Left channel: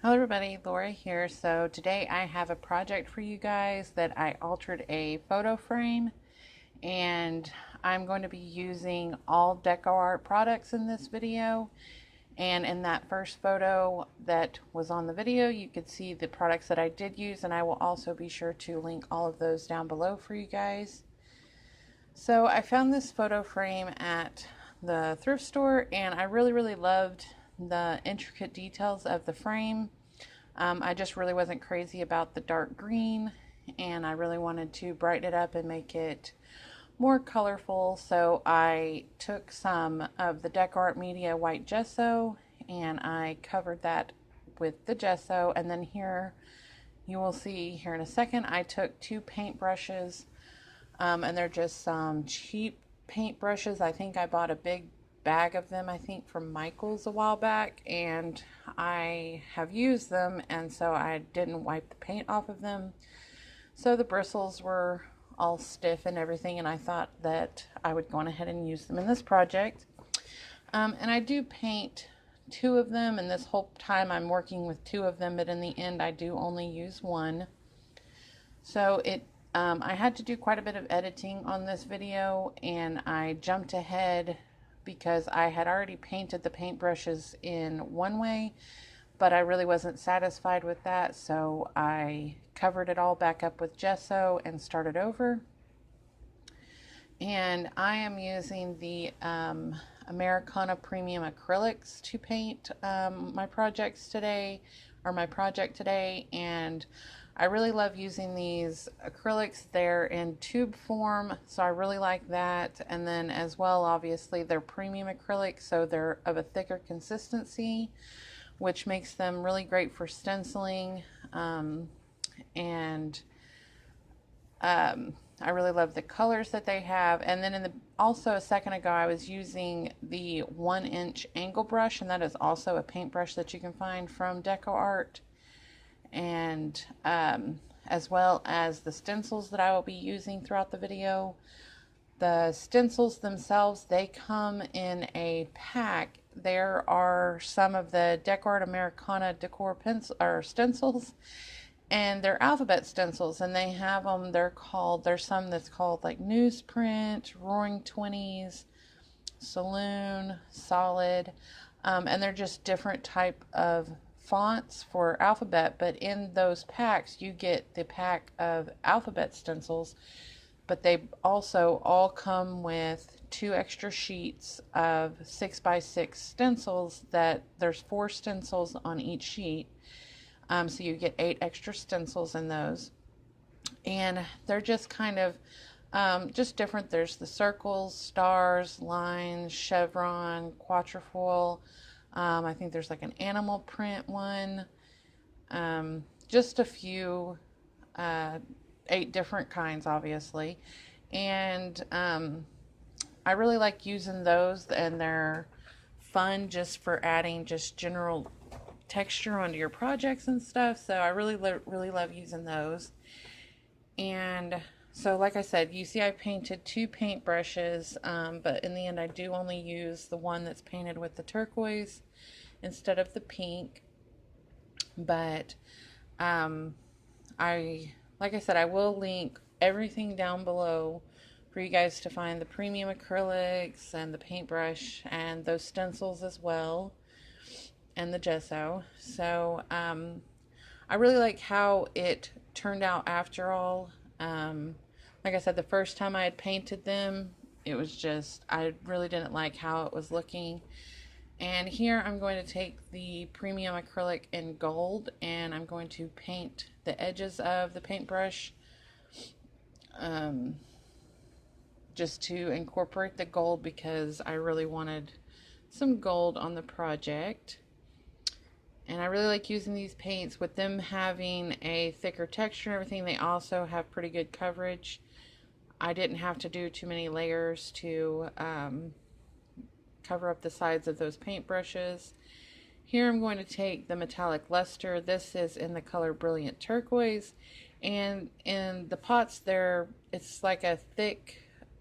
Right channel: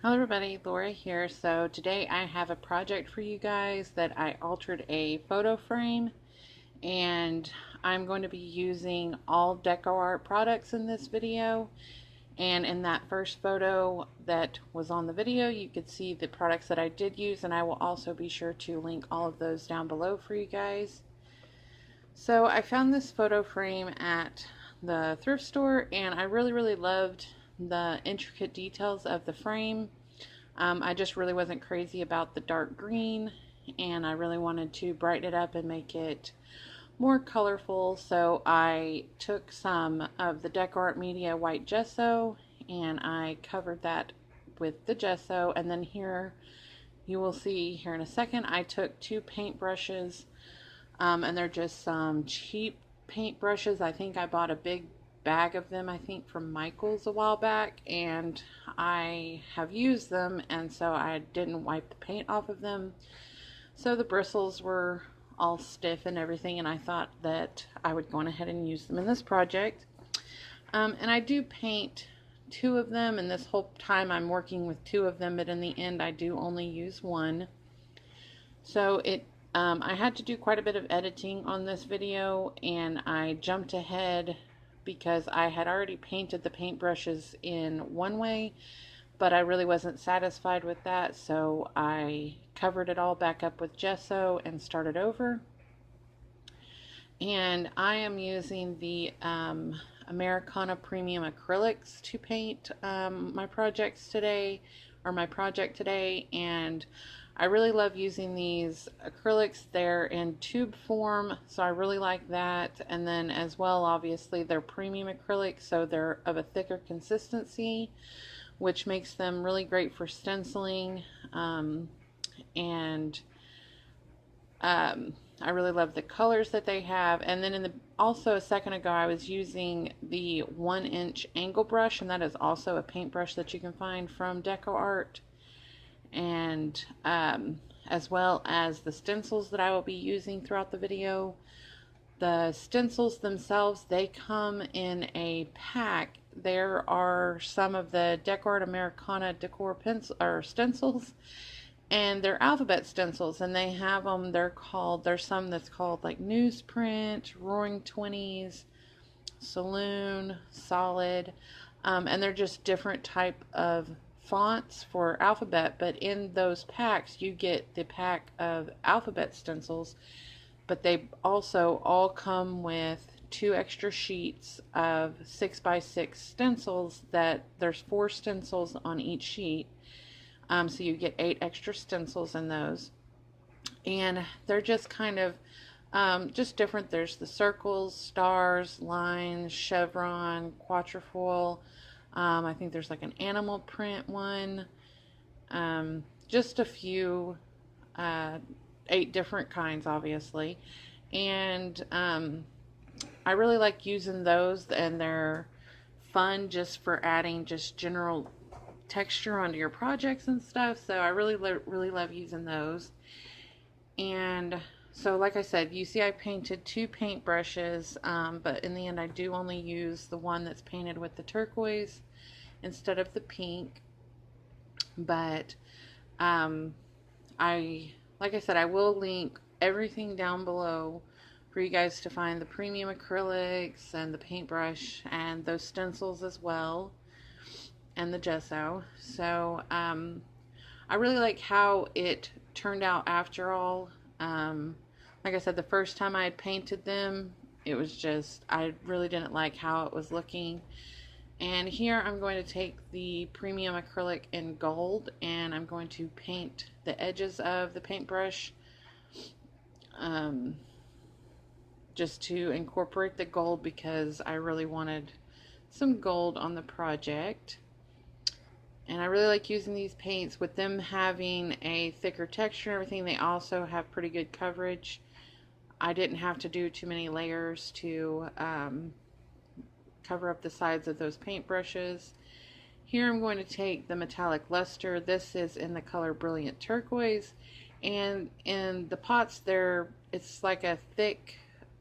Hello everybody, Laura here. So today I have a project for you guys that I altered a photo frame, and I'm going to be using all Deco Art products in this video. And in that first photo that was on the video, you could see the products that I did use, and I will also be sure to link all of those down below for you guys. So I found this photo frame at the thrift store, and I really loved the intricate details of the frame. I just really wasn't crazy about the dark green, and I really wanted to brighten it up and make it more colorful. So I took some of the Deco Art Media white gesso and I covered that with the gesso, and then here you will see here in a second I took two paint brushes, and they're just some cheap paint brushes. I think I bought a big bag of them, I think from Michael's a while back, and I have used them, and so I didn't wipe the paint off of them, so the bristles were all stiff and everything, and I thought that I would go on ahead and use them in this project. And I do paint two of them, and this whole time I'm working with two of them, but in the end I do only use one. So I had to do quite a bit of editing on this video, and I jumped ahead because I had already painted the paintbrushes in one way, but I really wasn't satisfied with that, so I covered it all back up with gesso and started over. And I am using the Americana Premium Acrylics to paint my project today, and I really love using these acrylics. They're in tube form, so I really like that. And then as well, obviously, they're premium acrylics, so they're of a thicker consistency, which makes them really great for stenciling. I really love the colors that they have. And then also a second ago, I was using the 1-inch angle brush, and that is also a paintbrush that you can find from Deco Art. And as well as the stencils that I will be using throughout the video. The stencils themselves, they come in a pack. There are some of the Deco Art Americana decor pencil or stencils, and they're alphabet stencils, and they have them, there's some that's called like newsprint, Roaring 20s, Saloon, Solid, and they're just different type of fonts for alphabet. But in those packs you get the pack of alphabet stencils, but they also all come with 2 extra sheets of 6x6 stencils. That there's 4 stencils on each sheet, so you get 8 extra stencils in those, and they're just kind of just different. There's the circles, stars, lines, chevron, quatrefoil. I think there's like an animal print one. Just a few, 8 different kinds, obviously. And I really like using those, and they're fun just for adding just general texture onto your projects and stuff. So I really love using those. And so like I said, you see I painted 2 paint brushes, but in the end I do only use the one that's painted with the turquoise instead of the pink. But like I said, I will link everything down below for you guys to find the premium acrylics and the paintbrush and those stencils as well, and the gesso. So I really like how it turned out after all. Like I said, the first time I had painted them, it was just, I really didn't like how it was looking. And here I'm going to take the premium acrylic in gold, and I'm going to paint the edges of the paintbrush, just to incorporate the gold, because I really wanted some gold on the project. And I really like using these paints with them having a thicker texture and everything. They also have pretty good coverage. I didn't have to do too many layers to cover up the sides of those paintbrushes. Here I'm going to take the metallic luster. This is in the color Brilliant Turquoise, And in the pots, it's like a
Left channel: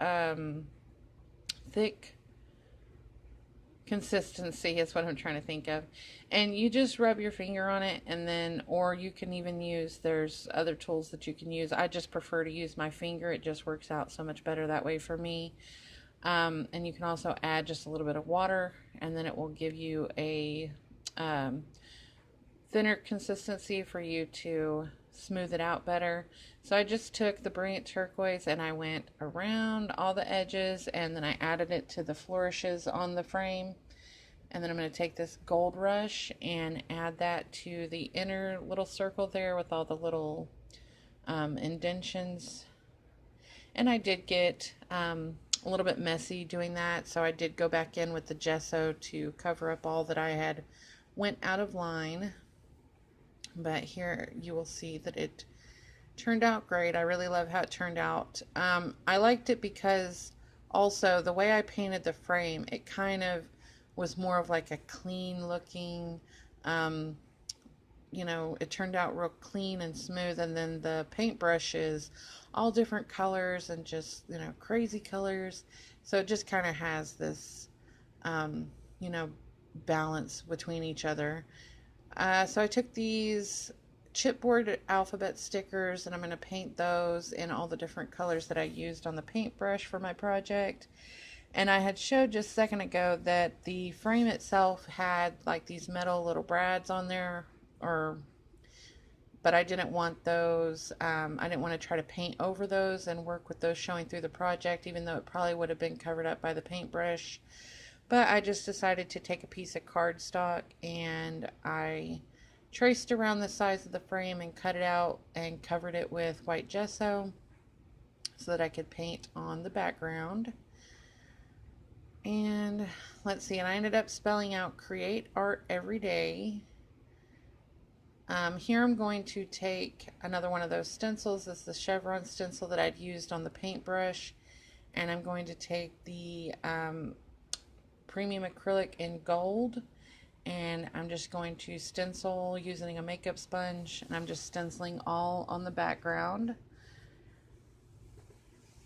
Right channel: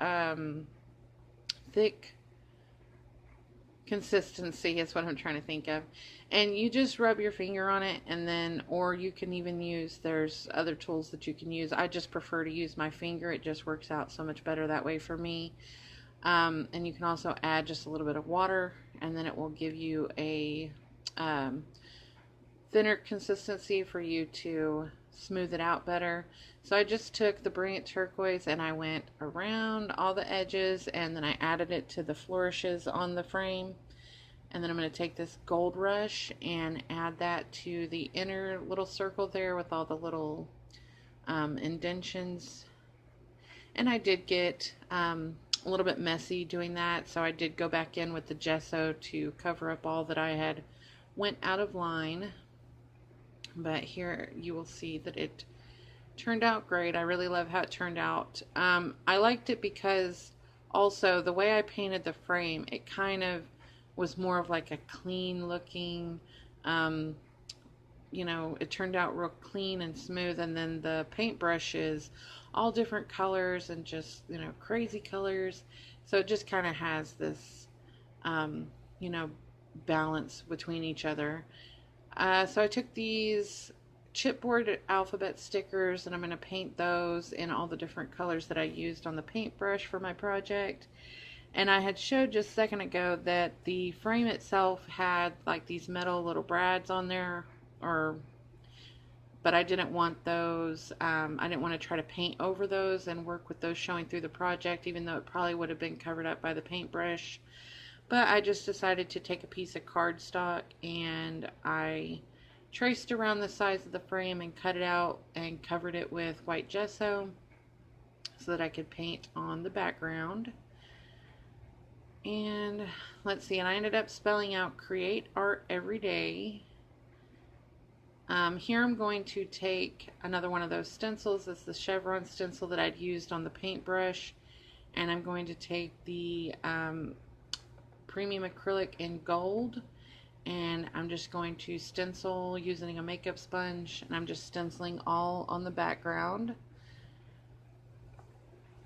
um, thick consistency is what I'm trying to think of. And you just rub your finger on it, and then, or you can even use, there's other tools that you can use. I just prefer to use my finger. It just works out so much better that way for me. And you can also add just a little bit of water, and then it will give you a um, thinner consistency for you to smooth it out better. So I just took the Brilliant Turquoise and I went around all the edges, and then I added it to the flourishes on the frame. And then I'm going to take this Gold Rush and add that to the inner little circle there with all the little indentions. And I did get a little bit messy doing that, so I did go back in with the gesso to cover up all that I had went out of line. But here you will see that it turned out great. I really love how it turned out. I liked it because also the way I painted the frame, it kind of was more of like a clean looking, it turned out real clean and smooth. And then the paintbrush is all different colors and just, crazy colors. So it just kind of has this, um, you know, balance between each other. So I took these chipboard alphabet stickers and I'm going to paint those in all the different colors that I used on the paintbrush for my project. And I had showed just a second ago that the frame itself had like these metal little brads on there, but I didn't want those. I didn't want to try to paint over those and work with those showing through the project, even though it probably would have been covered up by the paintbrush. But I just decided to take a piece of cardstock and I traced around the sides of the frame and cut it out and covered it with white gesso so that I could paint on the background. And let's see, and I ended up spelling out create art every day. Here I'm going to take another one of those stencils. This is the chevron stencil that I'd used on the paintbrush, and I'm going to take the premium acrylic in gold, and I'm just going to stencil using a makeup sponge, and I'm just stenciling all on the background.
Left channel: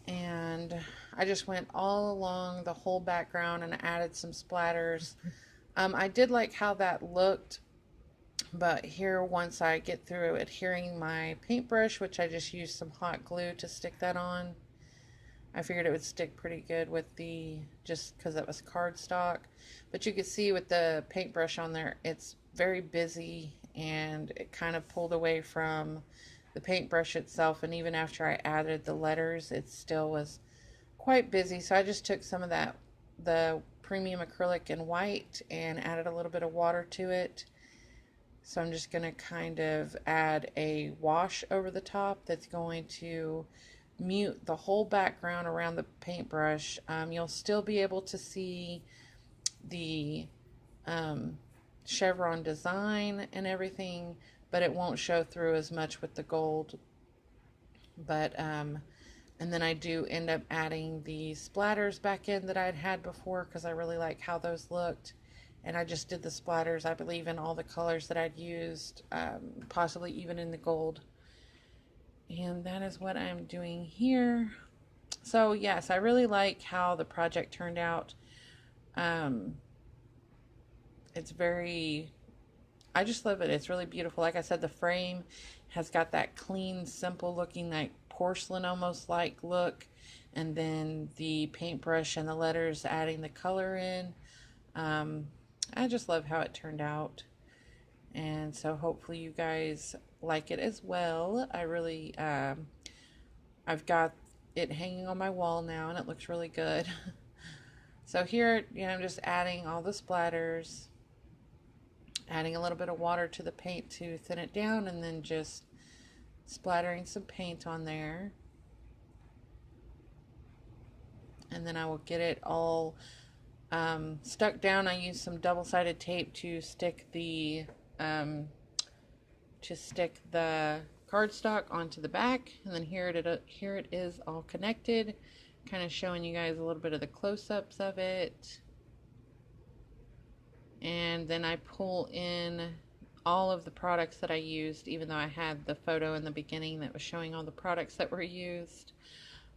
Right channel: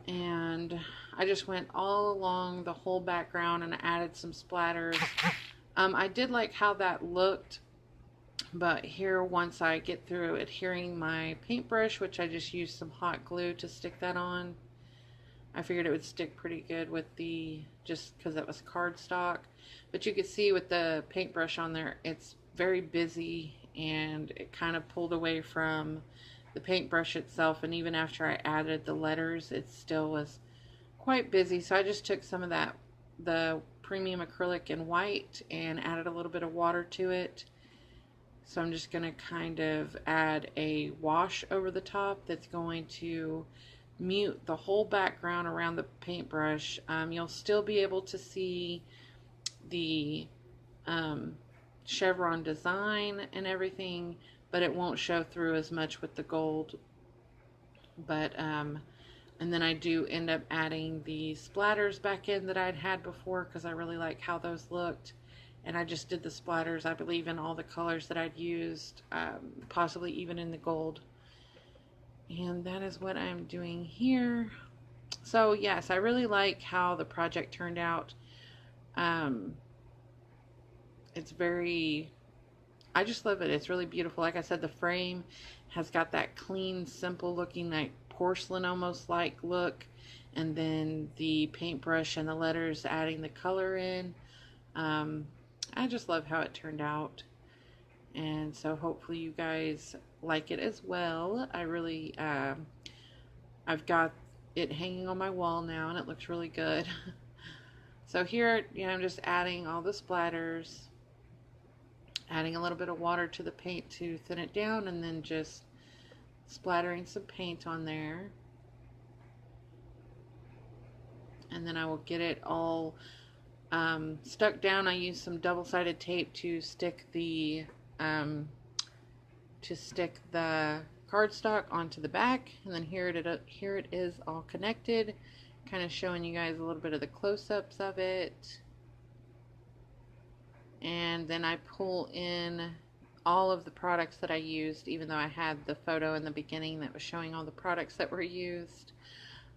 And I just went all along the whole background and added some splatters. I did like how that looked, but here once I get through adhering my paintbrush, which I just used some hot glue to stick that on, I figured it would stick pretty good with just because it was cardstock. But you can see with the paintbrush on there, it's very busy and it kind of pulled away from the paintbrush itself. And even after I added the letters, it still was quite busy. So I just took some of the premium acrylic in white and added a little bit of water to it. So I'm just going to kind of add a wash over the top that's going to mute the whole background around the paintbrush. You'll still be able to see the chevron design and everything, but it won't show through as much with the gold. But and then I do end up adding the splatters back in that I'd had before because I really like how those looked. And I just did the splatters, I believe, in all the colors that I'd used, possibly even in the gold. And that is what I'm doing here. So yes, I really like how the project turned out. It's I just love it. It's really beautiful. Like I said, the frame has got that clean, simple looking, like porcelain almost like look. And then the paintbrush and the letters adding the color in. I just love how it turned out. And so hopefully you guys like it as well. I really, I've got it hanging on my wall now and it looks really good. So here, I'm just adding all the splatters, adding a little bit of water to the paint to thin it down, and then just splattering some paint on there. And then I will get it all stuck down. I used some double-sided tape to stick the cardstock onto the back, and then here it is all connected, kind of showing you guys a little bit of the close-ups of it. And then I pull in all of the products that I used, even though I had the photo in the beginning that was showing all the products that were used.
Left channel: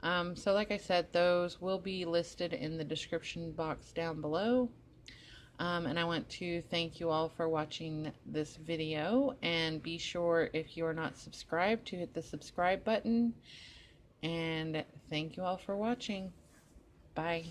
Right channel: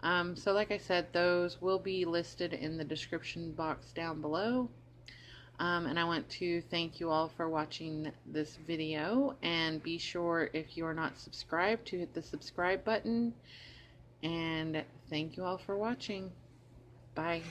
So like I said, those will be listed in the description box down below. And I want to thank you all for watching this video, and be sure, if you are not subscribed, to hit the subscribe button. And thank you all for watching. Bye.